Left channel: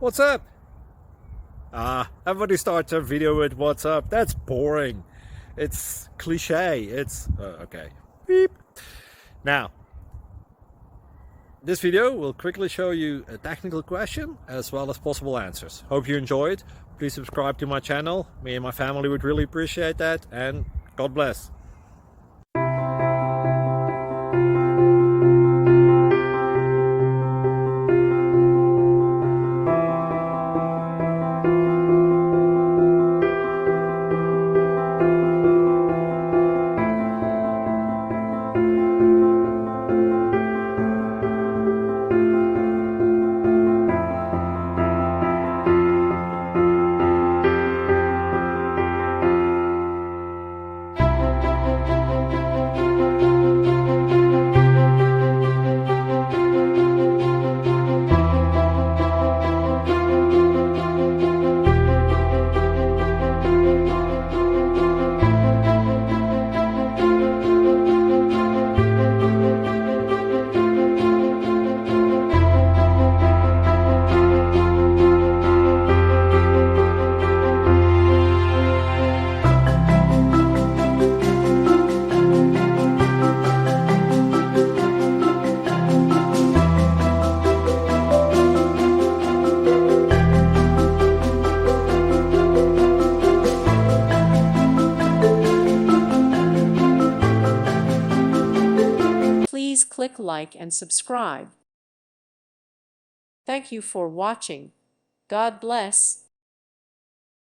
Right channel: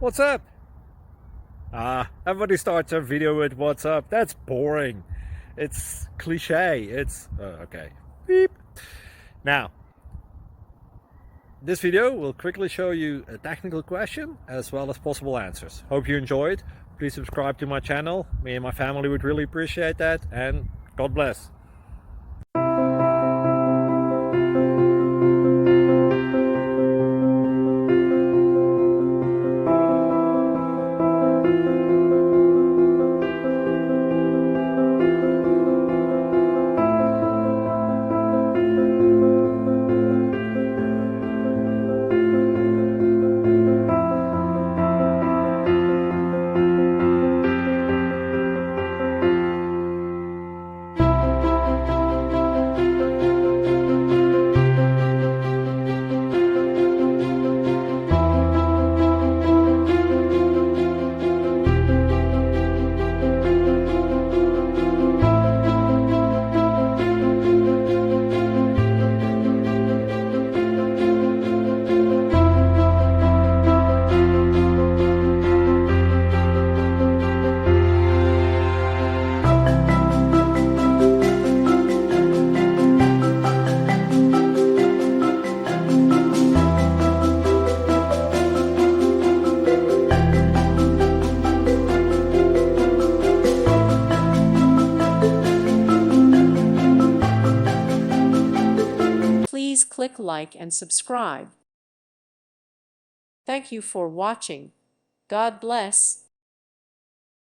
What's up? Everybody starts a video with what's up. That's boring. It's cliche. It's okay. Beep. Now, this video will quickly show you a technical question as well as possible answers. Hope you enjoyed. Please subscribe to my channel. Me and my family would really appreciate that, and God bless. Please click like and subscribe. Thank you for watching. God bless.